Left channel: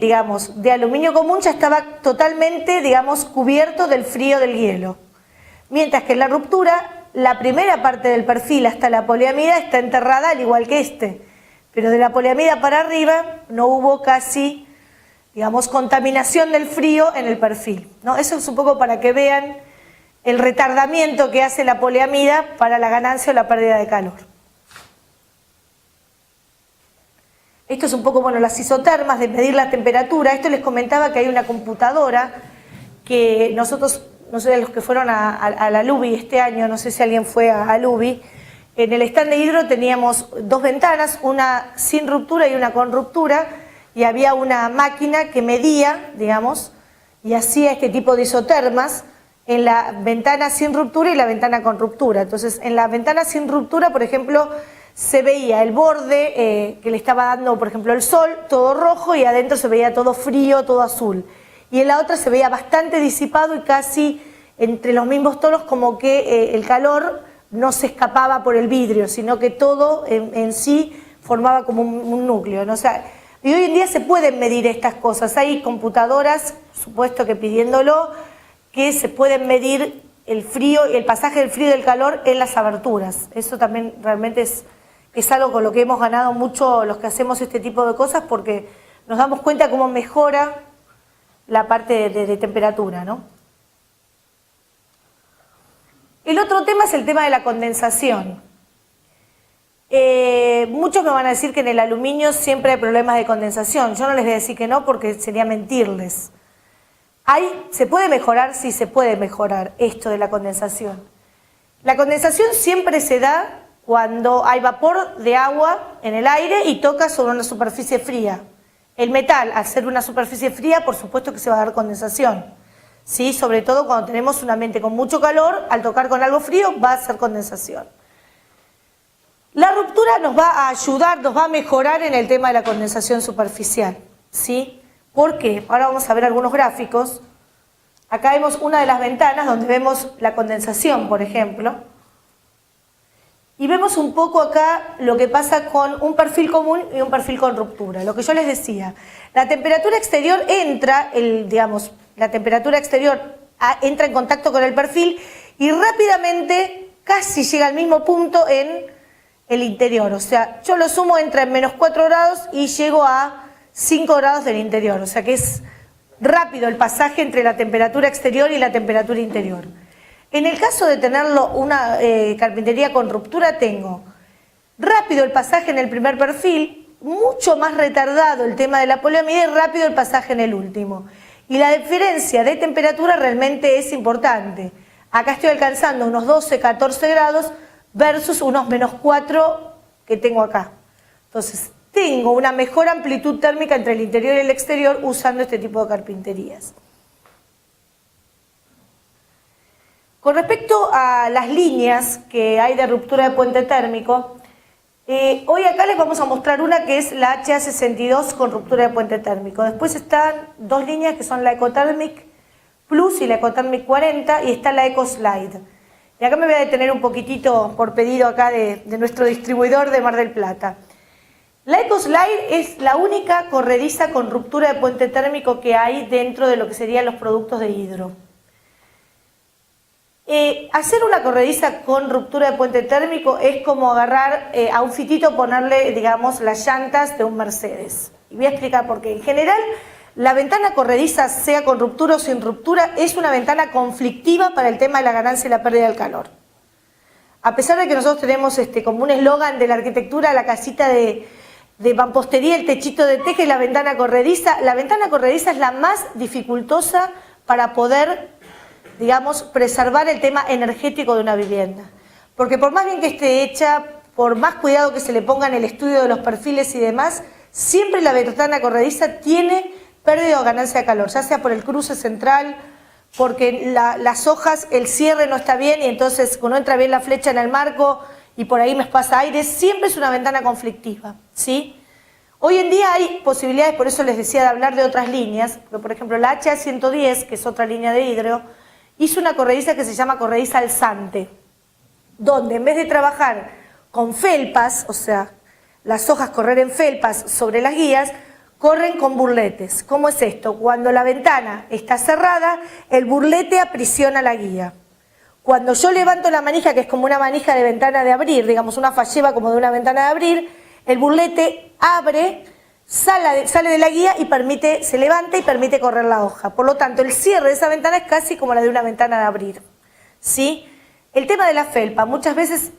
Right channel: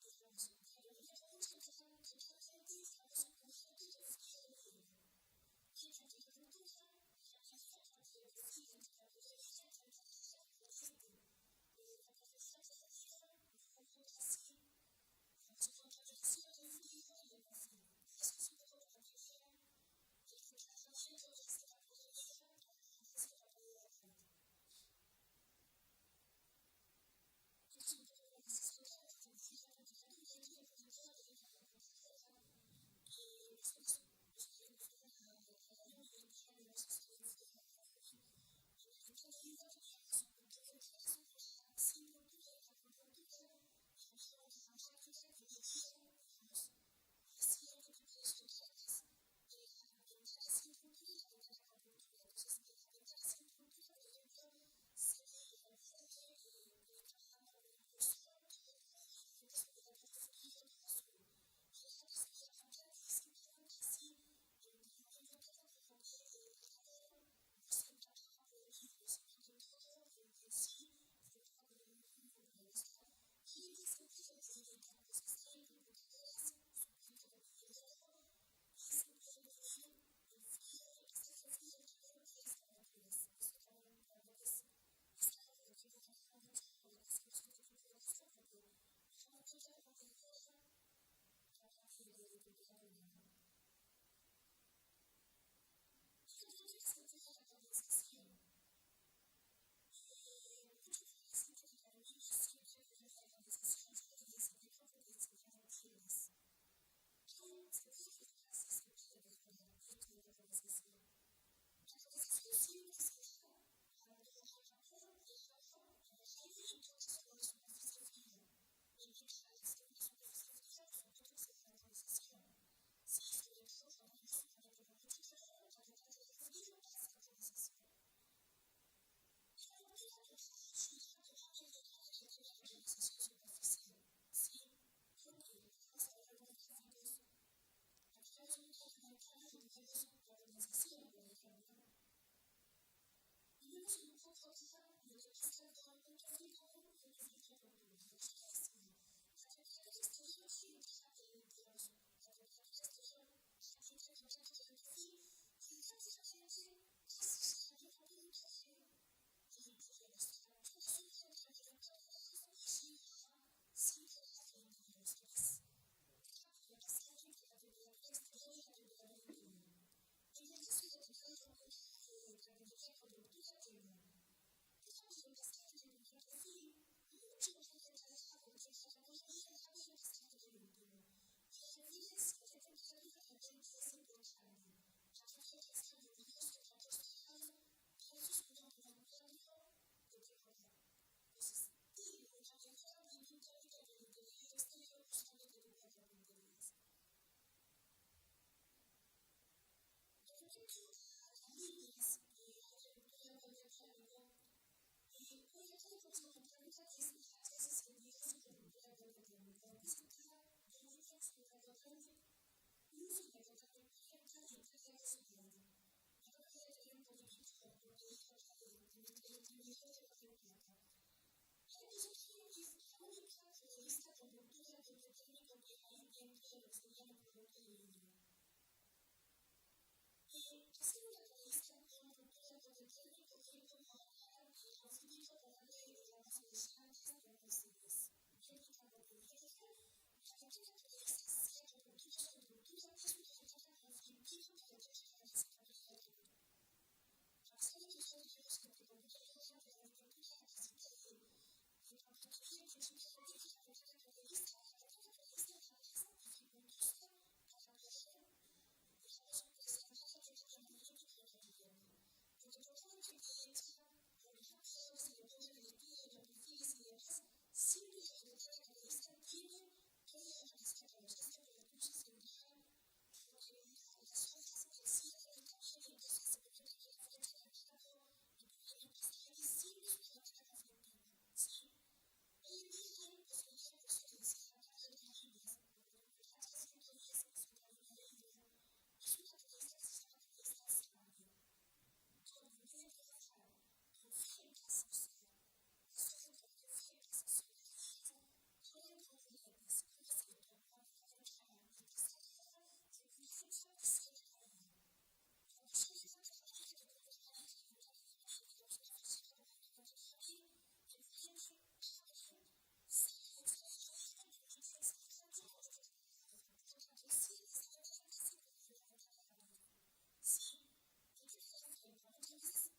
digamos, de aluminio común ya estaba totalmente, digamos, cubierto del frío del hielo. Mientras que en la ruptura, la primera parte del perfil hasta la poliamida está enterrada al igual que este. Pero de la poliamida para arriba no hubo casi, digamos, contaminación del frío en el perfil, ¿no? Eso es un poco para que vean el retardamiento que hace la poliamida para la ganancia o la pérdida de calor. Esto es un poco, bueno, las isotermas de medir la temperatura. Esto les comentaba que hay una computadora que nosotros, no sé de los que fueron a la LUBI este año, no sé si alguien fue a LUBI, en el stand de hidro teníamos dos ventanas, una sin ruptura y una con ruptura, y había una máquina que medía, digamos, y hacía este tipo de isotermas en la ventana sin ruptura y la ventana con ruptura. Entonces, en la ventana sin ruptura, por ejemplo, se veía el borde que le estaba dando, por ejemplo, el sol, todo rojo, y adentro se veía todo frío, todo azul. Y en la otra se veía bastante disipado y casi entre los mismos tonos, como que el calor no se escapaba por el vidrio, sino que todo en sí formaba como un núcleo, ¿no? O sea, y hoy en día se pueden medir estas cosas. Hay computadoras, supuesto que pidiéndolo, que se pueden medir el frío y el pasaje del frío y del calor en las aberturas. Eso también realmente es algo con lo que hemos ganado mucho los que hacemos este tipo de cosas, porque nos damos cuenta cómo mejora la parte de temperatura, ¿no? El otro tema es el tema de la condensación. Muchos me van a decir que en el aluminio siempre hay problemas de condensación. Yo no les voy a decir que no, porque sería mentirles. ¿Se puede mejorar? Sí, se puede mejorar esto de la condensación. La condensación siempre se da cuando hay vapor de agua en el aire y toca sobre una superficie fría. El metal, al ser una superficie fría, por supuesto que se va a dar condensación, ¿sí? Sobre todo cuando tenemos un ambiente con mucho calor, al tocar con algo frío va a hacer condensación. La ruptura nos va a ayudar, nos va a mejorar en el tema de la condensación superficial, ¿sí? ¿Por qué? Ahora vamos a ver algunos gráficos. Acá vemos una de las ventanas donde vemos la condensación, por ejemplo. Y vemos un poco acá lo que pasa con un perfil común y un perfil con ruptura. Lo que yo les decía, la temperatura exterior entra, la temperatura exterior entra en contacto con el perfil y rápidamente casi llega al mismo punto en el interior. O sea, yo lo sumo, entra en -4 grados y llego a 5 grados del interior. O sea que es rápido el pasaje entre la temperatura exterior y la temperatura interior. En el caso de tenerlo una carpintería con ruptura, tengo rápido el pasaje en el primer perfil, mucho más retardado el tema de la poliamida y rápido el pasaje en el último. Y la diferencia de temperatura realmente es importante. Acá estoy alcanzando unos 12, 14 grados versus unos -4 que tengo acá. Entonces, tengo una mejor amplitud térmica entre el interior y el exterior usando este tipo de carpinterías. Con respecto a las líneas que hay de ruptura de puente térmico, hoy acá les vamos a mostrar una que es la HA62 con ruptura de puente térmico. Después están dos líneas que son la Ecothermic Plus y la Ecothermic 40 y está la EcoSlide. Y acá me voy a detener un poquitito por pedido acá de nuestro distribuidor de Mar del Plata. La EcoSlide es la única corrediza con ruptura de puente térmico que hay dentro de lo que serían los productos de hidro. Hacer una corrediza con ruptura de puente térmico es como agarrar a un fitito, ponerle, digamos, las llantas de un Mercedes. Y voy a explicar por qué. En general, la ventana corrediza, sea con ruptura o sin ruptura, es una ventana conflictiva para el tema de la ganancia y la pérdida del calor. A pesar de que nosotros tenemos como un eslogan de la arquitectura, la casita de mampostería, el techito de teja y la ventana corrediza es la más dificultosa para poder, digamos, preservar el tema energético de una vivienda. Porque por más bien que esté hecha, por más cuidado que se le ponga en el estudio de los perfiles y demás, siempre la ventana corrediza tiene pérdida o ganancia de calor, ya sea por el cruce central, porque las hojas, el cierre no está bien y entonces no entra bien la flecha en el marco y por ahí me pasa aire, siempre es una ventana conflictiva, ¿sí? Hoy en día hay posibilidades, por eso les decía de hablar de otras líneas, porque por ejemplo la HA110, que es otra línea de hidro, hizo una corrediza que se llama corrediza alzante, donde en vez de trabajar con felpas, o sea, las hojas correr en felpas sobre las guías, corren con burletes. ¿Cómo es esto? Cuando la ventana está cerrada, el burlete aprisiona la guía. Cuando yo levanto la manija, que es como una manija de ventana de abrir, digamos una falleba como de una ventana de abrir, el burlete abre, sale de la guía y se levanta y permite correr la hoja. Por lo tanto, el cierre de esa ventana es casi como la de una ventana de abrir. ¿Sí? El tema de la felpa, muchas veces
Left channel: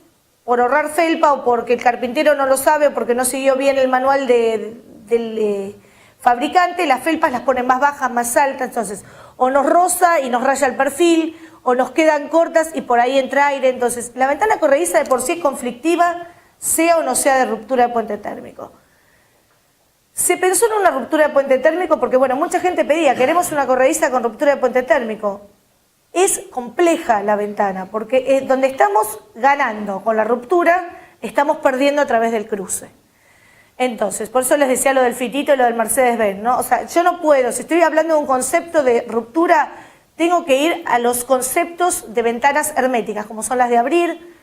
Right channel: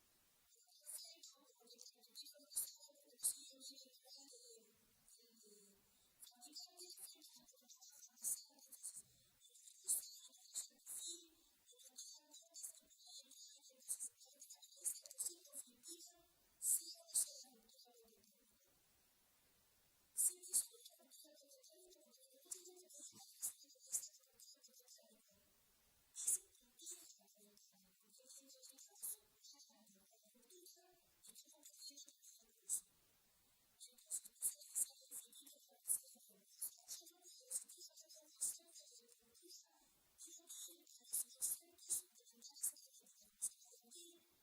por ahorrar felpa o porque el carpintero no lo sabe o porque no siguió bien el manual del fabricante, las felpas las ponen más bajas, más altas, entonces o nos roza y nos raya el perfil, o nos quedan cortas y por ahí entra aire. Entonces, la ventana corrediza de por sí es conflictiva, sea o no sea de ruptura de puente térmico. Se pensó en una ruptura de puente térmico porque, bueno, mucha gente pedía, queremos una corrediza con ruptura de puente térmico. Es compleja la ventana, porque donde estamos ganando con la ruptura, estamos perdiendo a través del cruce. Entonces, por eso les decía lo del fitito y lo del Mercedes-Benz, ¿no? O sea, yo no puedo, si estoy hablando de un concepto de ruptura, tengo que ir a los conceptos de ventanas herméticas, como son las de abrir,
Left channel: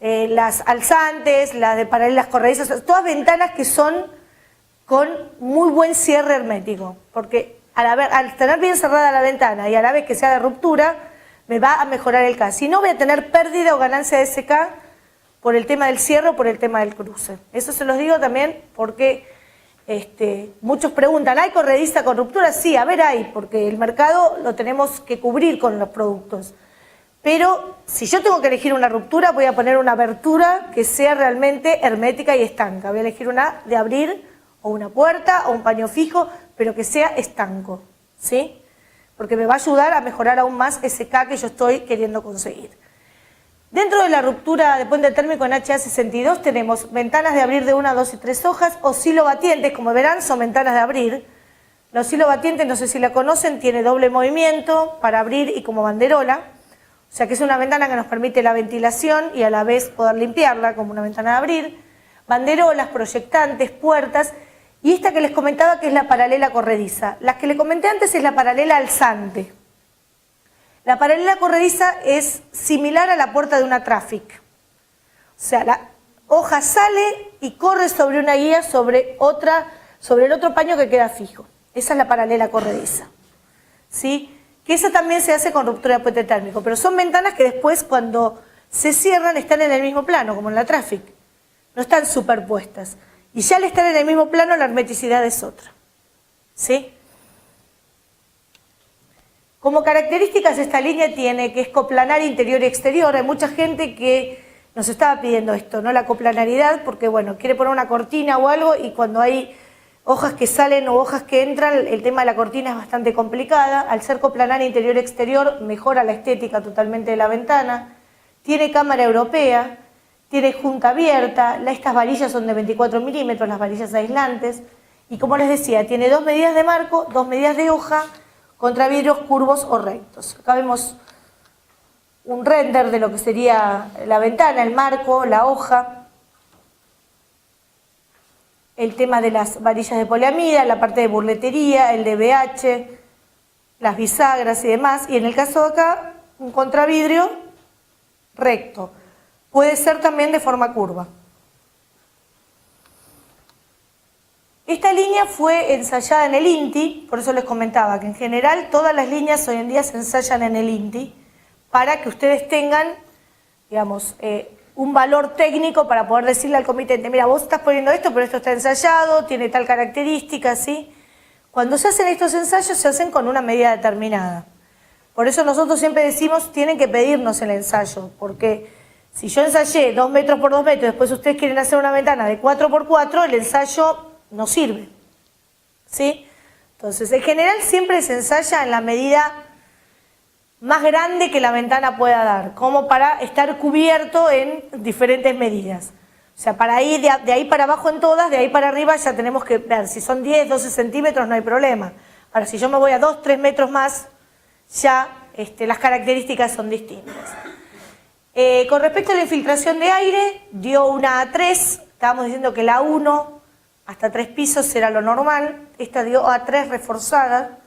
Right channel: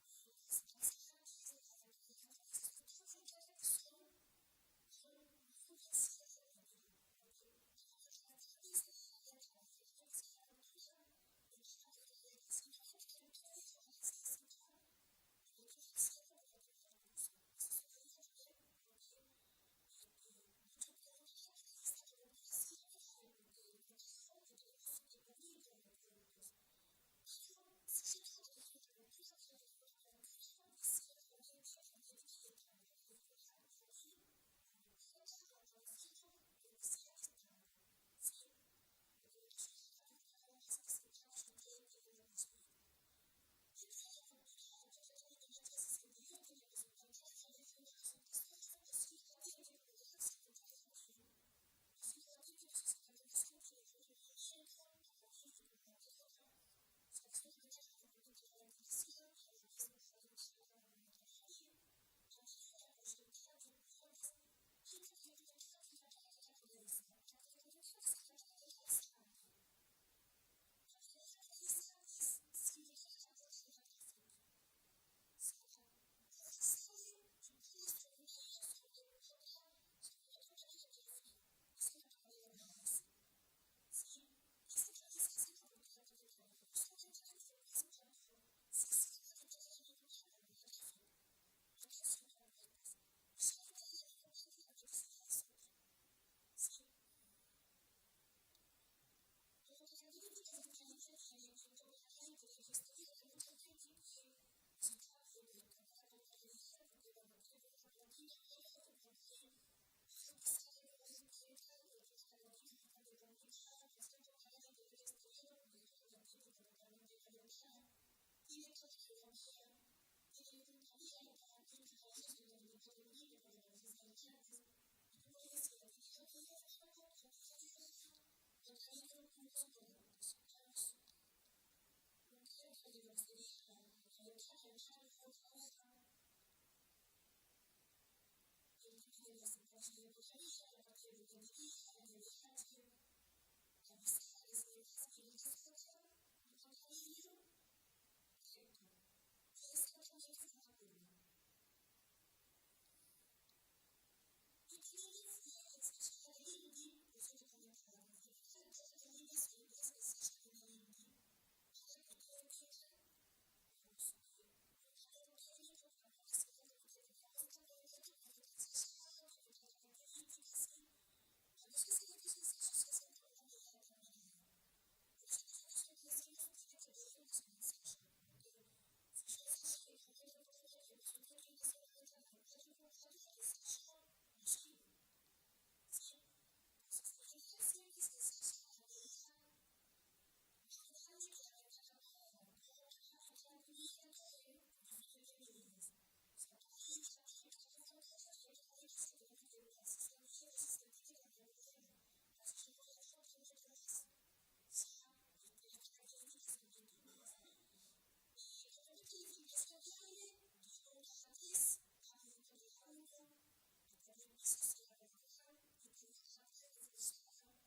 las alzantes, las de paralelas corredizas, todas ventanas que son con muy buen cierre hermético, porque al tener bien cerrada la ventana y a la vez que sea de ruptura, me va a mejorar el K. Si no, voy a tener pérdida o ganancia de ese K por el tema del cierre o por el tema del cruce. Eso se los digo también porque muchos preguntan, ¿hay corrediza con ruptura? Sí, a ver, hay, porque el mercado lo tenemos que cubrir con los productos. Pero si yo tengo que elegir una ruptura, voy a poner una abertura que sea realmente hermética y estanca. Voy a elegir una de abrir o una puerta o un paño fijo, pero que sea estanco, ¿sí? Porque me va a ayudar a mejorar aún más ese K que yo estoy queriendo conseguir. Dentro de la ruptura de puente térmico en HA62 tenemos ventanas de abrir de 1, 2 y 3 hojas, oscilobatientes, como verán son ventanas de abrir. La oscilobatiente, no sé si la conocen, tiene doble movimiento para abrir y como banderola. O sea que es una ventana que nos permite la ventilación y a la vez poder limpiarla como una ventana de abrir. Banderolas, proyectantes, puertas. Y esta que les comentaba que es la paralela corrediza. La que les comenté antes es la paralela alzante. La paralela corrediza es similar a la puerta de una Traffic. O sea, la hoja sale y corre sobre una guía sobre el otro paño que queda fijo. Esa es la paralela corrediza. ¿Sí? Que esa también se hace con ruptura de puente térmico, pero son ventanas que después cuando se cierran están en el mismo plano, como en la Traffic. No están superpuestas. Y ya al estar en el mismo plano la hermeticidad es otra. ¿Sí? Como características esta línea tiene que es coplanar interior y exterior. Hay mucha gente que nos estaba pidiendo esto, ¿no? La coplanaridad, porque bueno, quiere poner una cortina o algo y cuando hay hojas que salen o hojas que entran, el tema de la cortina es bastante complicada. Al ser coplanar interior y exterior, mejora la estética totalmente de la ventana. Tiene cámara europea, tiene junta abierta, estas varillas son de 24 milímetros, las varillas aislantes. Y como les decía, tiene 2 medidas de marco, 2 medidas de hoja, contra vidrios curvos o rectos. Acá vemos un render de lo que sería la ventana, el marco, la hoja, el tema de las varillas de poliamida, la parte de burletería, el DBH, las bisagras y demás. Y en el caso de acá, un contravidrio recto. Puede ser también de forma curva. Esta línea fue ensayada en el INTI, por eso les comentaba que en general todas las líneas hoy en día se ensayan en el INTI para que ustedes tengan, digamos, un valor técnico para poder decirle al comitente, mira, vos estás poniendo esto, pero esto está ensayado, tiene tal característica, ¿sí? Cuando se hacen estos ensayos se hacen con una medida determinada. Por eso nosotros siempre decimos, tienen que pedirnos el ensayo, porque si yo ensayé 2 metros por 2 metros, después ustedes quieren hacer una ventana de 4 por 4, el ensayo no sirve, ¿sí? Entonces, en general siempre se ensaya en la medida más grande que la ventana pueda dar, como para estar cubierto en diferentes medidas. O sea, para ir de ahí para abajo en todas, de ahí para arriba ya tenemos que ver, si son 10, 12 centímetros no hay problema. Ahora, si yo me voy a 2, 3 metros más, ya las características son distintas. Con respecto a la infiltración de aire, dio una A3, estábamos diciendo que la 1 hasta 3 pisos era lo normal, esta dio A3 reforzada.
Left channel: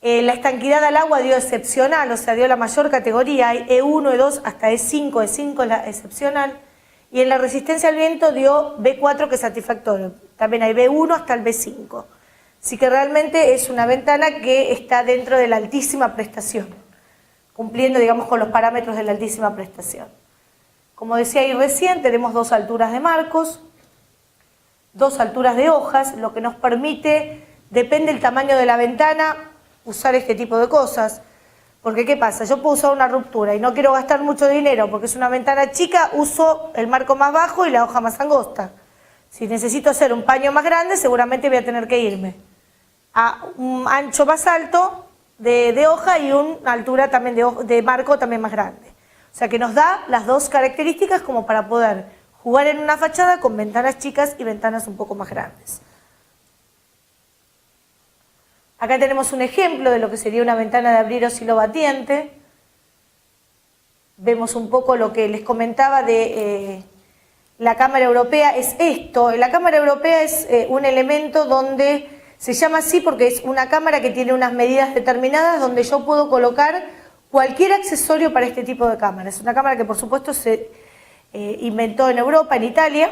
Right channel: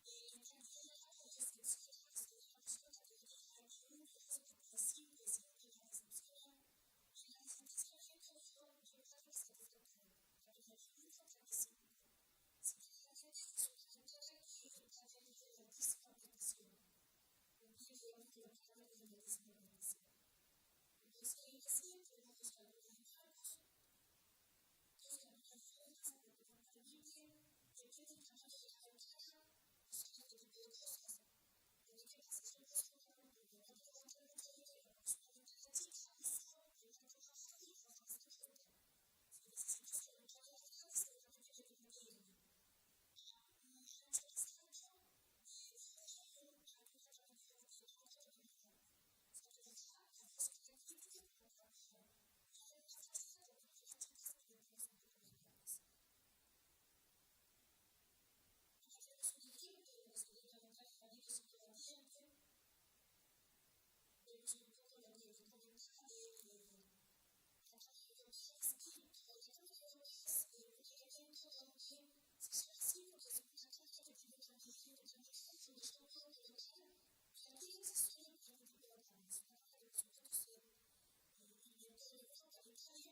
La estanquidad al agua dio excepcional, o sea, dio la mayor categoría, hay E1, E2 hasta E5 es la excepcional. Y en la resistencia al viento dio B4 que es satisfactorio. También hay B1 hasta el B5. Así que realmente es una ventana que está dentro de la altísima prestación, cumpliendo, digamos, con los parámetros de la altísima prestación. Como decía ahí recién, tenemos 2 alturas de marcos, 2 alturas de hojas, lo que nos permite, depende del tamaño de la ventana, usar este tipo de cosas. Porque ¿qué pasa? Yo puedo usar una ruptura y no quiero gastar mucho dinero porque es una ventana chica, uso el marco más bajo y la hoja más angosta. Si necesito hacer un paño más grande, seguramente voy a tener que irme a un ancho más alto de hoja y una altura también de marco también más grande. O sea que nos da las 2 características como para poder jugar en una fachada con ventanas chicas y ventanas un poco más grandes. Acá tenemos un ejemplo de lo que sería una ventana de abrir oscilobatiente. Vemos un poco lo que les comentaba de la Cámara Europea. Es esto, la Cámara Europea es un elemento donde se llama así porque es una cámara que tiene unas medidas determinadas donde yo puedo colocar cualquier accesorio para este tipo de cámara. Es una cámara que por supuesto se inventó en Europa, en Italia,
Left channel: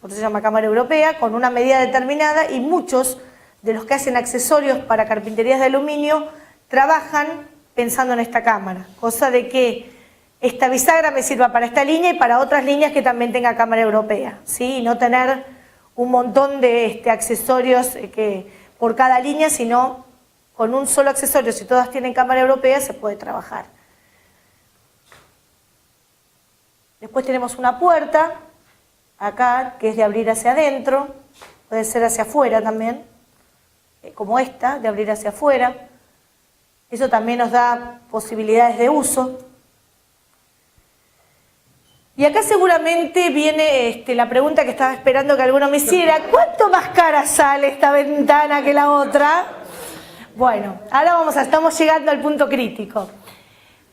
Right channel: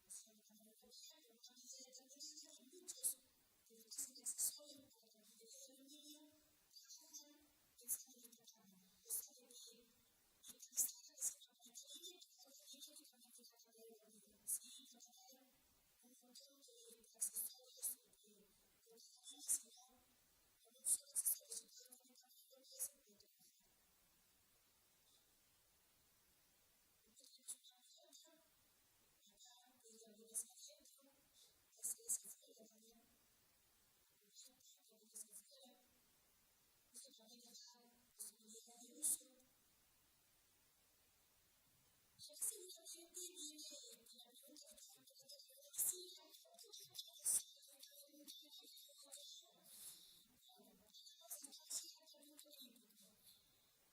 por eso se llama Cámara Europea, con una medida determinada y muchos de los que hacen accesorios para carpinterías de aluminio trabajan pensando en esta cámara, cosa de que esta bisagra me sirva para esta línea y para otras líneas que también tenga Cámara Europea, ¿sí? Y no tener un montón de accesorios por cada línea, sino con un solo accesorio, si todas tienen Cámara Europea, se puede trabajar. Después tenemos una puerta, acá, que es de abrir hacia adentro, puede ser hacia afuera también, como esta, de abrir hacia afuera. Eso también nos da posibilidades de uso. Y acá seguramente viene la pregunta que estaba esperando que alguno me hiciera: ¿cuánto más cara sale esta ventana que la otra? Bueno, ahora estamos llegando al punto crítico.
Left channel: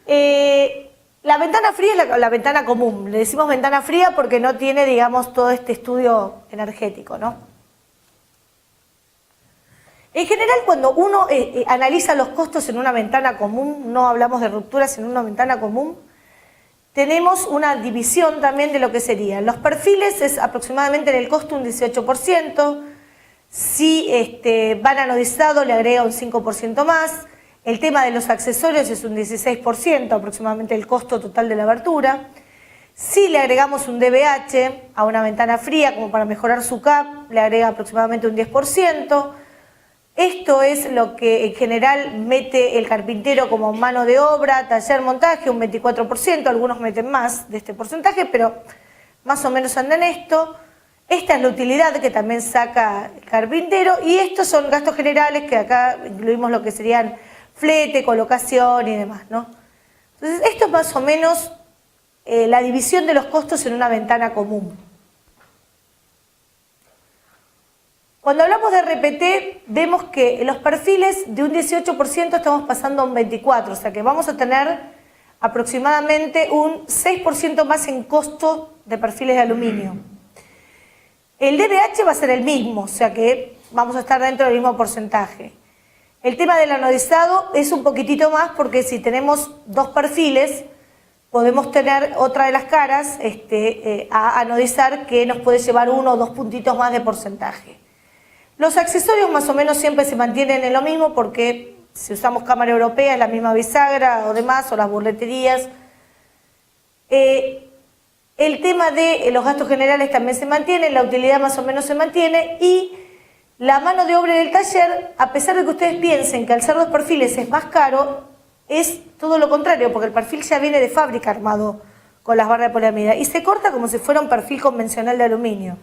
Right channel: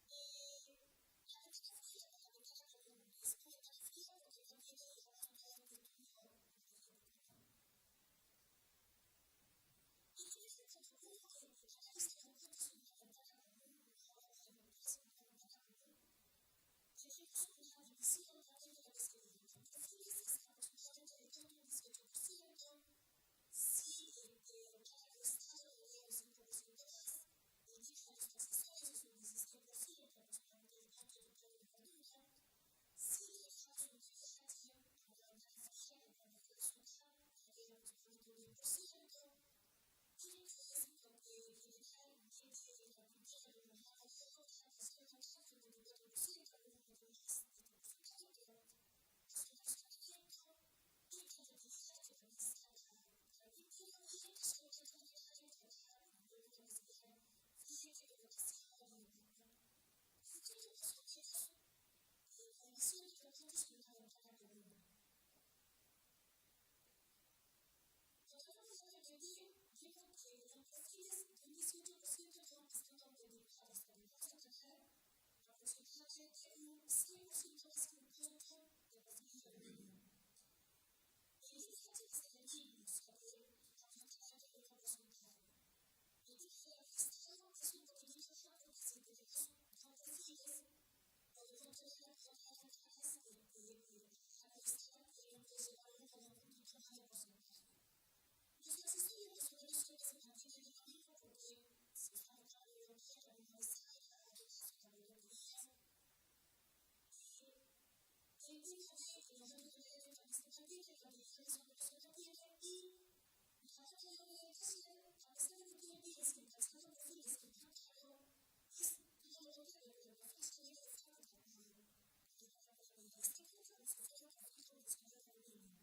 La ventana fría es la ventana común. Le decimos ventana fría porque no tiene, digamos, todo este estudio energético, ¿no? En general, cuando uno analiza los costos en una ventana común, no hablamos de rupturas en una ventana común, tenemos una división también de lo que serían. Los perfiles es aproximadamente en el costo un 18%, si van anodizado le agrega un 5% más, el tema de los accesorios es un 16% aproximadamente el costo total de la abertura. Si le agregamos un DBH a una ventana fría como para mejorar su CAP, le agrega aproximadamente un 10%. Esto es lo que en general mete el carpintero como mano de obra, taller, montaje, un 24%, algunos meten más de este porcentaje, pero más o menos anda en esto. Esta es la utilidad que también saca el carpintero y estos son gastos generales que acá incluimos lo que serían flete, colocación y demás, ¿no? Entonces esto es más o menos la división de los costos en una ventana común. Cuando hablamos de RPT, vemos que los perfiles de un 18% estamos pasando a un 24%, o sea que vamos a tener aproximadamente un 6% más en costo de perfiles de aluminio. El DBH va a ser el mismo, o sea que vamos a estar dentro del mismo porcenotaje. El tema del anodizado es un poquitito más porque si tenemos 2 perfiles, podemos tener otra de las caras a anodizar que nos puede llevar 1 o 2 puntitos más de porcentaje. Los accesorios más o menos siempre se mantienen en lo mismo porque si usamos Cámara Europea es la misma bisagra o demás, o las burleterías. El tema de los gastos generales también se mantiene, la utilidad más o menos se mantiene y la mano de obra del taller, a pesar de que ustedes piensen que al ser 2 perfiles es más caro, es todo lo contrario, porque el perfil ya viene de fábrica armado con las barras de poliamida y se corta como si fuera un perfil convencional de aluminio.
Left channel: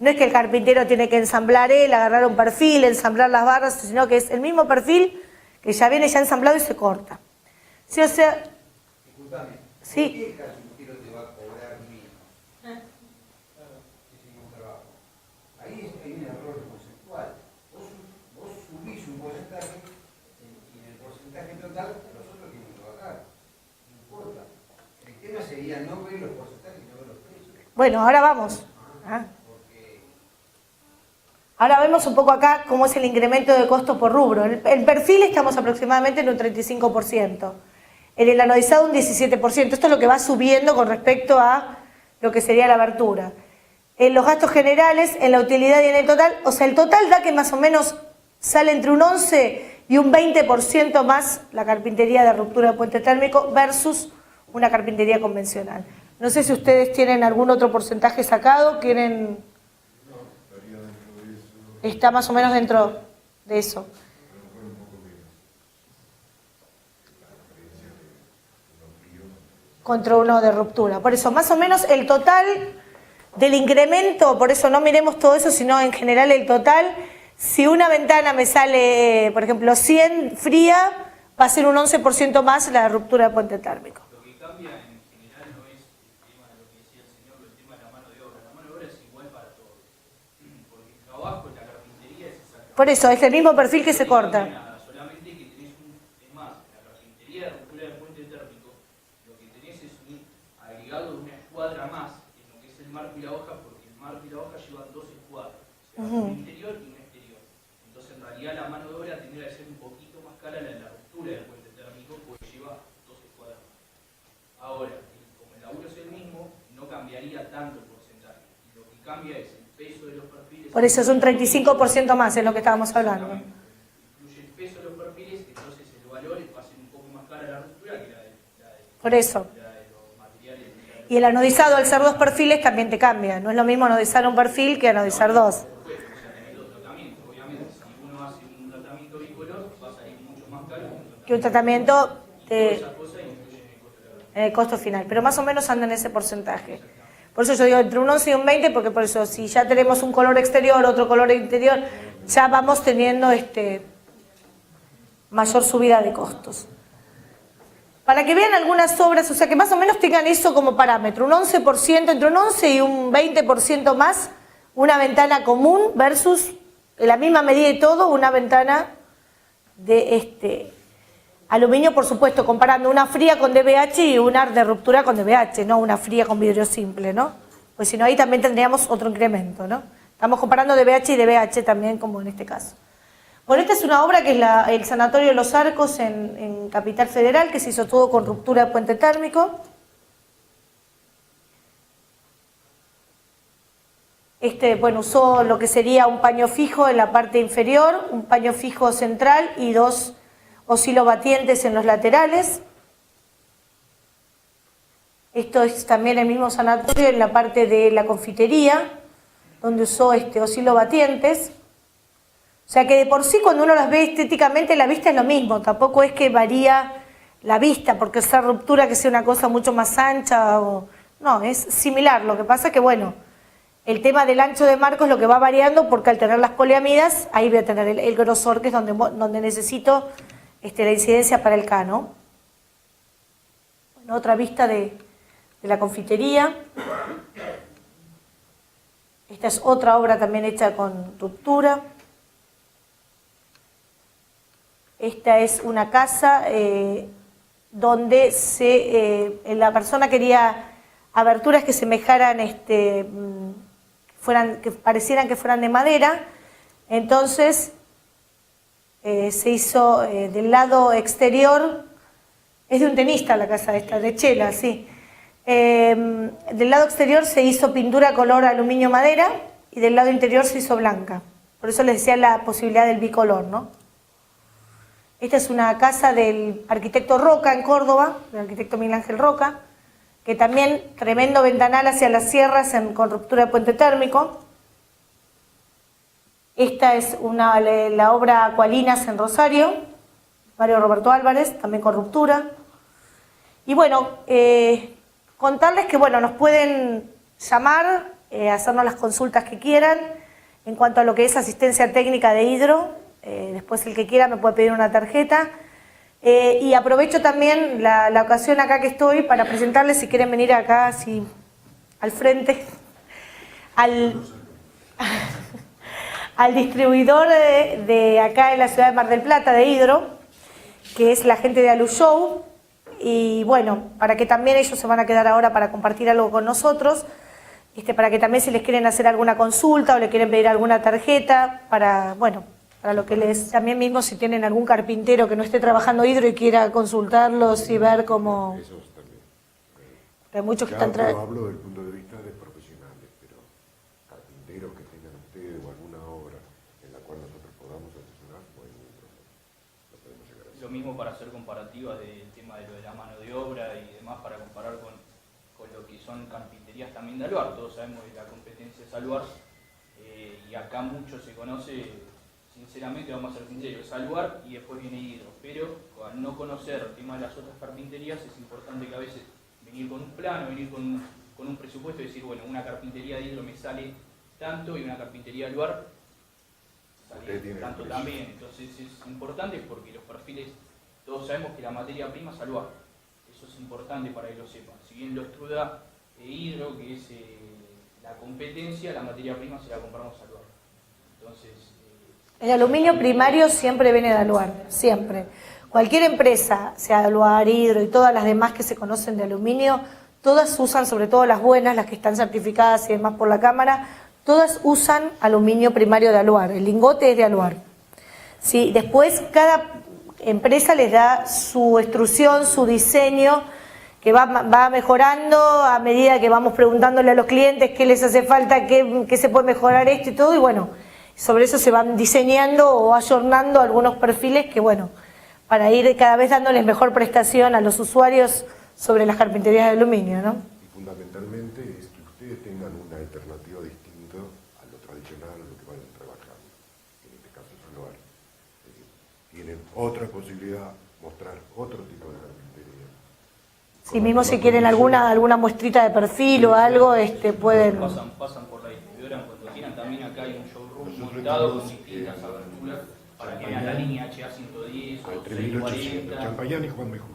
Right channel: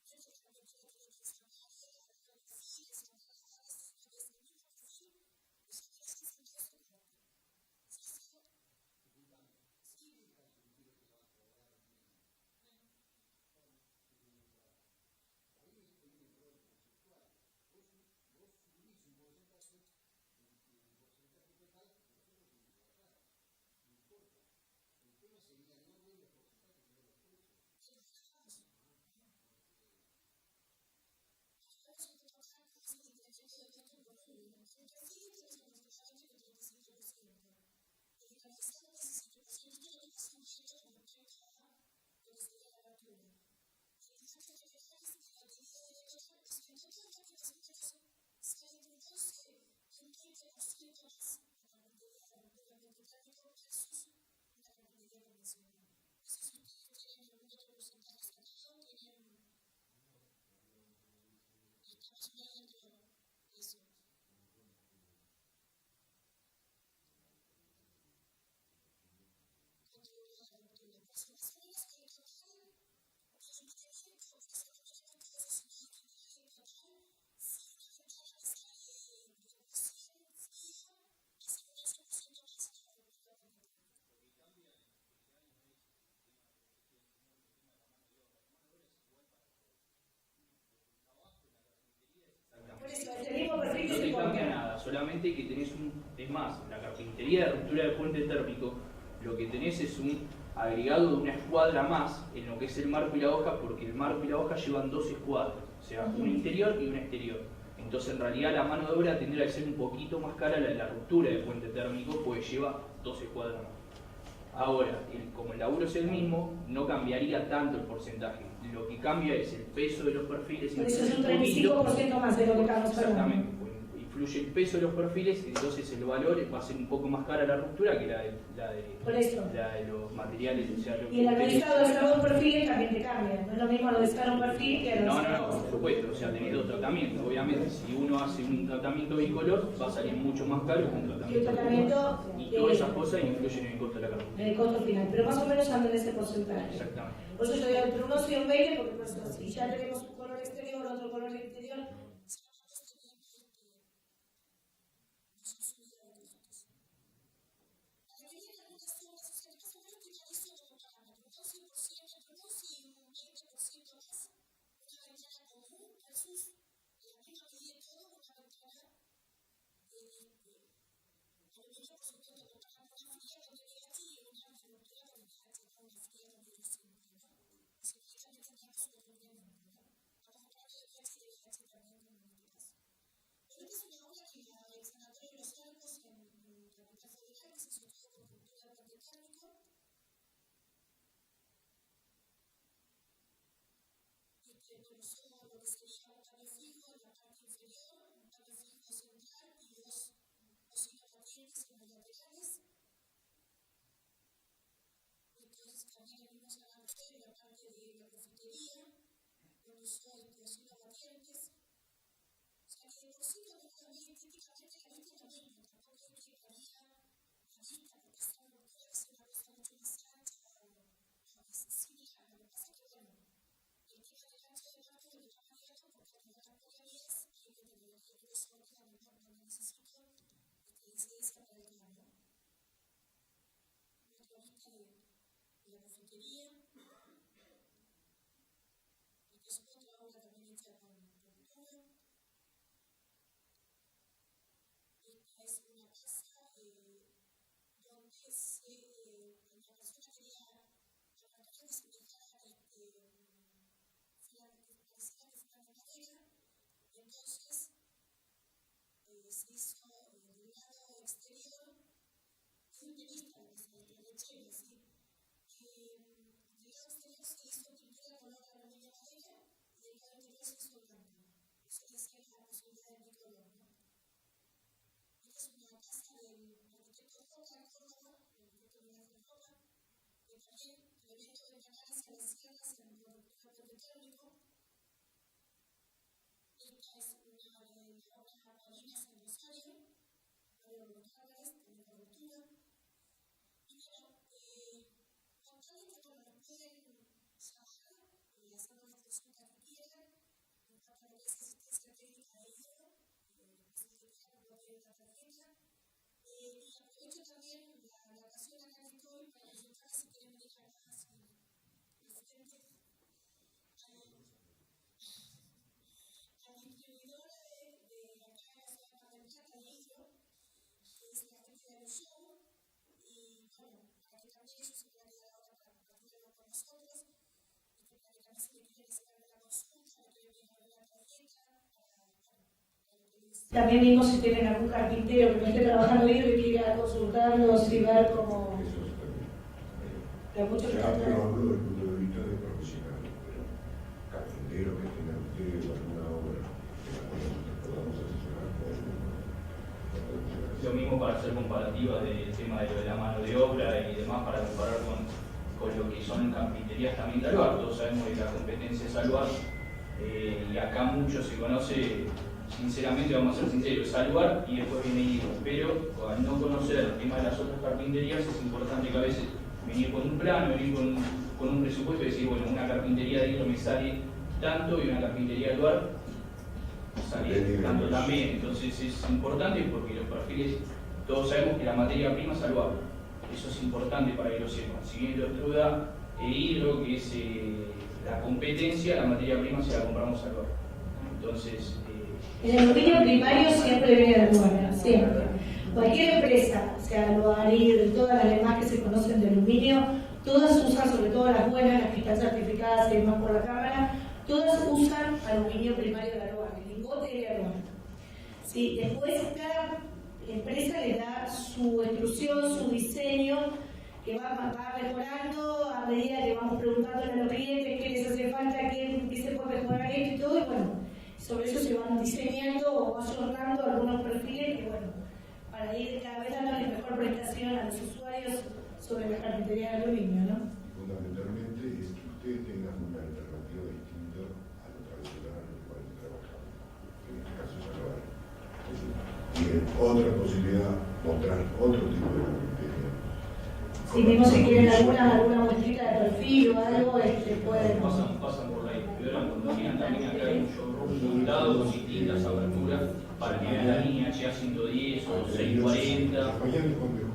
No es que el carpintero tiene que ensamblar agarrar un perfil, ensamblar las barras, sino que es el mismo perfil que ya viene ya ensamblado y se corta. Sí, o sea... Disculpame, sí. ¿por qué el carpintero te va a cobrar menos? Ese mismo trabajo. Ahí hay un error conceptual. Vos subís un porcentaje y en el porcentaje total los otros tienen que bajar. No importa. El tema sería no ver los porcentajes y no ver los precios. Bueno, ahora vamos. Ahora vemos un poco acá cómo es el incremento de costo por rubro. En perfil estamos aproximadamente en un 35%. En el anodizado un 17%. Esto es lo que va subiendo con respecto a lo que sería la abertura. en los gastos generales, en la utilidad y en el total. O sea, el total da que más o menos sale entre un 11 y un 20% más la carpintería de ruptura de puente térmico versus una carpintería convencional. No sé si ustedes tienen algún otro porcentaje sacado, quieren... Está más o menos dentro de eso. Contra uno de ruptura. Por eso, más o menos el total del incremento, por eso no miremos todo eso, sino en general el total, si una ventana me sale, por ejemplo, 100 fría, va a ser un 11% más la ruptura de puente térmico. Lo que cambia en general no es el tema de lo que decía el señor, el tema de la mano de obra. La mano de obra es igual para todos. Porque el trabajo en la carpintería es exactamente... Por eso, es el mismo perfil que se corta. Nada, solamente que tenés un... Es más, la carpintería de ruptura de puente térmico, lo que tenés es un agregado de una escuadra más en lo que es el marco y la hoja, porque el marco y la hoja llevan 2 escuadras, o sea, un interior y un exterior. Entonces, en realidad, la mano de obra tendría que ser un poquito más cara la de la ruptura de puente térmico, porque lleva 2 escuadras más. Ahora, como el laburo es el mismo, no cambiaría tanto el porcentaje. Lo que cambia es el peso de los perfiles. Por eso es un 35% más, es lo que estábamos hablando. Influye el peso de los perfiles, entonces el valor va a ser un poco más cara la ruptura que la de por eso. La de los materiales. O sea, y el anodizado, al ser 2 perfiles, también te cambia. No es lo mismo anodizar un perfil que anodizar 2. Por supuesto, o sea, tenés 2 tratamientos. Obviamente, si uno hace un tratamiento bicolor, va a salir mucho más caro que un tratamiento. Y todas esas cosas influyen en el costo de la carpintería. En el costo final, pero más o menos anda en ese porcentaje. Por eso yo digo entre un 11 y un 20, porque por eso si ya tenemos un color exterior, otro color interior, ya vamos teniendo mayor subida de costos. Para que vean algunas obras, o sea que más o menos tengan eso como parámetro, un 11%, entre un 11 y un 20% más, una ventana común versus, en la misma medida y todo, una ventana de aluminio, por supuesto, comparando una fría con DBH y una de ruptura con DBH, no una fría con vidrio simple, ¿no? Pues si no, ahí también tendríamos otro incremento, ¿no? Estamos comparando DBH y DBH también, como en este caso. Bueno, esta es una obra que es el Sanatorio de los Arcos en Capital Federal, que se hizo todo con ruptura de puente térmico. Bueno, usó lo que sería un paño fijo en la parte inferior, un paño fijo central y 2 oscilobatientes en los laterales. Esto es también el mismo sanatorio en la parte de la confitería, donde usó oscilobatientes. O sea que de por sí cuando uno las ve estéticamente la vista es lo mismo, tampoco es que varía la vista porque esa ruptura que sea una cosa mucho más ancha no, es similar. Lo que pasa es que bueno, el tema del ancho de marco es lo que va variando porque al tener las poliamidas ahí voy a tener el grosor que es donde necesito la incidencia para el K, ¿no? Bueno, otra vista de la confitería. Esta es otra obra también hecha con ruptura. Esta es una casa donde la persona quería aberturas que semejaran, que parecieran que fueran de madera. Entonces se hizo del lado exterior, es de un tenista la casa esta, de Chela, sí. Del lado exterior se hizo pintura color aluminio madera y del lado interior se hizo blanca. Por eso les decía la posibilidad del bicolor, ¿no? Esta es una casa del arquitecto Roca en Córdoba, del arquitecto Miguel Ángel Roca, que también tremendo ventanal hacia las sierras con ruptura de puente térmico. Esta es la obra Acualinas en Rosario, Mario Roberto Álvarez, también con ruptura. Y bueno, contarles que bueno, nos pueden llamar, hacernos las consultas que quieran en cuanto a lo que es asistencia técnica de hidro. Después el que quiera me puede pedir una tarjeta. Y aprovecho también la ocasión acá que estoy para presentarles, si quieren venir acá así al frente, al distribuidor de acá en la ciudad de Mar del Plata de hidro, que es la gente de Alu Show. Y bueno, para que también ellos se van a quedar ahora para compartir algo con nosotros, para que también si les quieren hacer alguna consulta o le quieren pedir alguna tarjeta, para lo que les... También mismo si tienen algún carpintero que no esté trabajando hidro y quiera consultarlos y ver cómo... Que hay muchos que están... Hablo desde el punto de vista de profesional. mismo para hacer comparativa del tema de lo de la mano de obra y demás, para comparar con lo que son carpinterías también de Aluar. Todos sabemos que la competencia es Aluar, y acá mucho se conoce, sinceramente, vamos a ser sinceros, Aluar y después viene Hidro. Pero al no conocer el tema de las otras carpinterías, es importante que a veces venir con un plan, venir con un presupuesto y decir, bueno, una carpintería de Hidro me sale tanto y una carpintería de Aluar sale tanto también. Entonces es importante porque los perfiles, todos sabemos que la materia prima es Aluar. Eso es importante para que lo sepan. Siguiendo Estruda e Hidro, que es la competencia, la materia prima se la compramos a Aluar. Entonces, el aluminio primario siempre viene de Aluar, siempre. Cualquier empresa, sea Aluar, Hidro y todas las demás que se conocen de aluminio, todas usan, sobre todo las buenas, las que están certificadas y demás por la Cámara, todas usan aluminio primario de Aluar, el lingote es de Aluar. ¿Sí? Después cada empresa les da su extrusión, su diseño, que va mejorando a medida que vamos preguntándole a los clientes qué les hace falta, qué se puede mejorar esto y todo, y bueno, sobre eso se van diseñando o ayornando algunos perfiles que, bueno, para ir cada vez dándoles mejor prestación a los usuarios sobre las carpinterías de aluminio, ¿no? Fundamentalmente es que ustedes tengan una alternativa distinta a lo tradicional, a lo que van trabajando. En este caso es Aluar. Tienen otra posibilidad, mostrar otro tipo de carpintería. Si mismo si quieren alguna muestrita de perfil o algo, pueden... pasan por la distribuidora cuando vienen. También acá hay un showroom montado con distintas aberturas para que vean la línea HA110 o 640. Champañán y Juan B. Justo.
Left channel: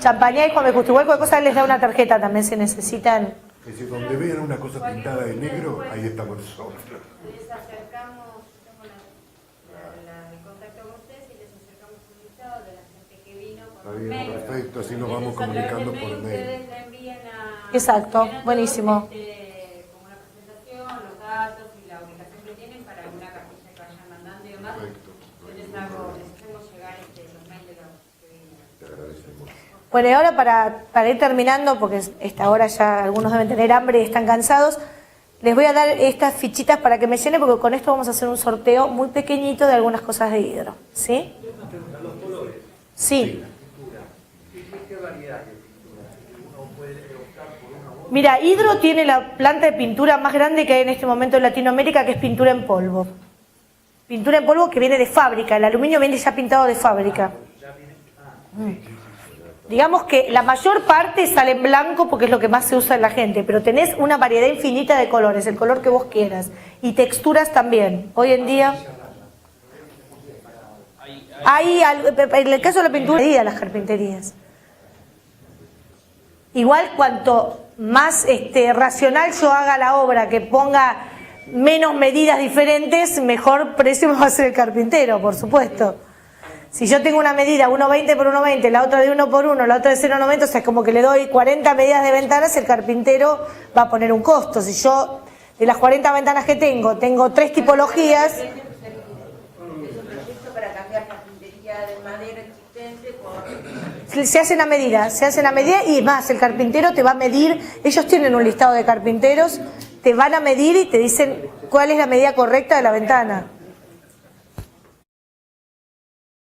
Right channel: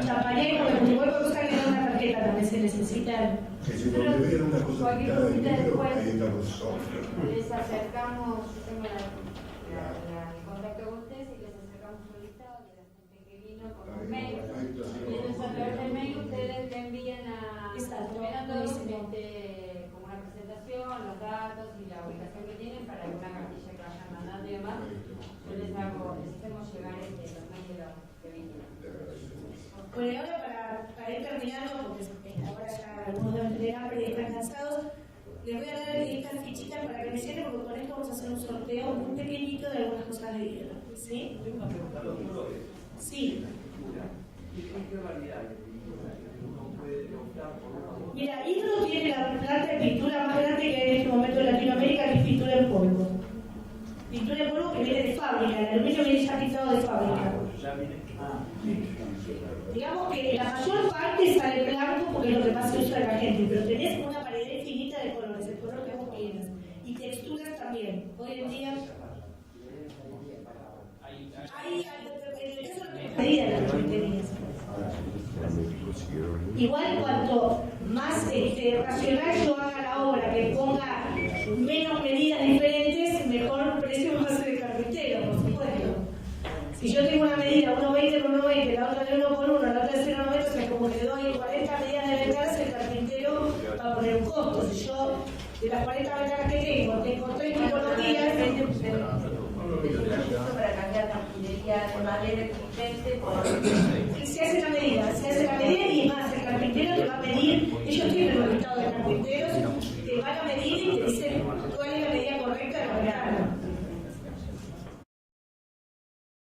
Champañá y Juan B. Justo. Igual cualquier cosa les da una tarjeta también si necesitan. Que si donde vean una cosa pintada de negro, ahí estamos nosotros. Les acercamos, tengo el contacto con ustedes y les acercamos un listado de la gente que vino con los medios. Perfecto, así nos vamos comunicando por mail. Ustedes le envían a... Exacto, buenísimo. Como una presentación, los datos y la ubicación que tienen para alguna cartilla que vayan mandando y demás. Yo les hacemos llegar los mails de los que vienen. Te agradecemos. Bueno, y ahora para ir terminando, porque esta hora ya algunos deben tener hambre y están cansados, les voy a dar estas fichitas para que me llenen, porque con esto vamos a hacer un sorteo muy pequeñito de algunas cosas de Hidro. ¿Sí? Sí. Mira, Hidro tiene la planta de pintura más grande que hay en este momento en Latinoamérica, que es pintura en polvo. Pintura en polvo que viene de fábrica, el aluminio viene ya pintado de fábrica. Digamos que la mayor parte sale en blanco porque es lo que más se usa en la gente, pero tenés una variedad infinita de colores, el color que vos quieras. Y texturas también. Hoy en día... en el caso de la pintura, las carpinterías. Igual cuanto más racional yo haga la obra, que ponga menos medidas diferentes, mejor precio me va a hacer el carpintero, por supuesto. Si yo tengo una medida 1,20 por 1,20, la otra de 1 por 1, la otra de 0,90, o sea, como que le doy 40 medidas de ventanas, el carpintero va a poner un costo. Si yo, de las 40 ventanas que tengo 3 tipologías... Se hacen a medida y más, el carpintero te va a medir, ellos tienen un listado de carpinteros, te van a medir y te dicen cuál es la medida correcta de la ventana.